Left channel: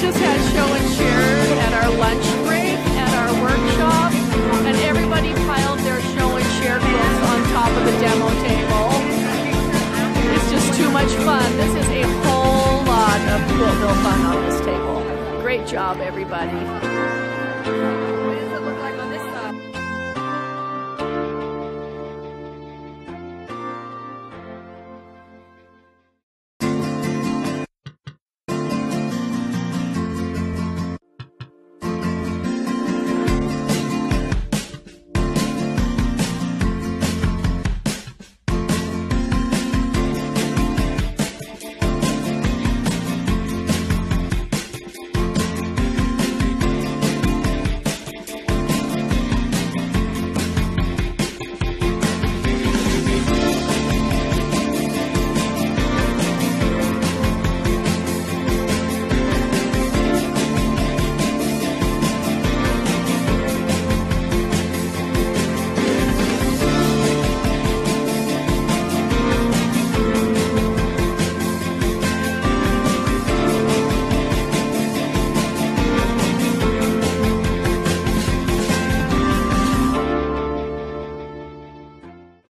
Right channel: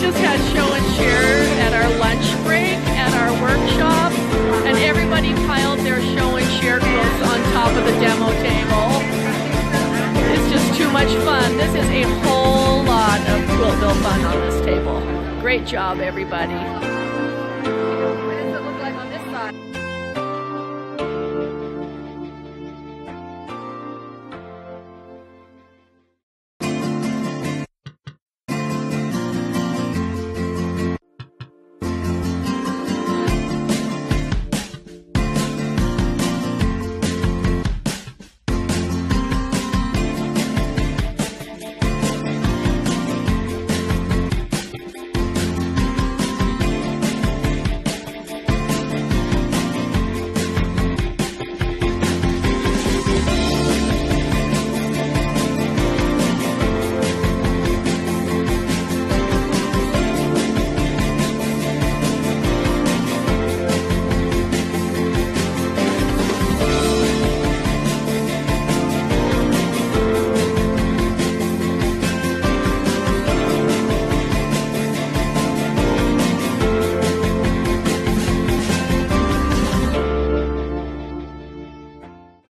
just had show and share at our lunch break at our workshop, and everybody piled their show and share quilts on top of the demo table. It's just too much fun. This is a whole lot of Quiltville fun on this table. Great job, everybody.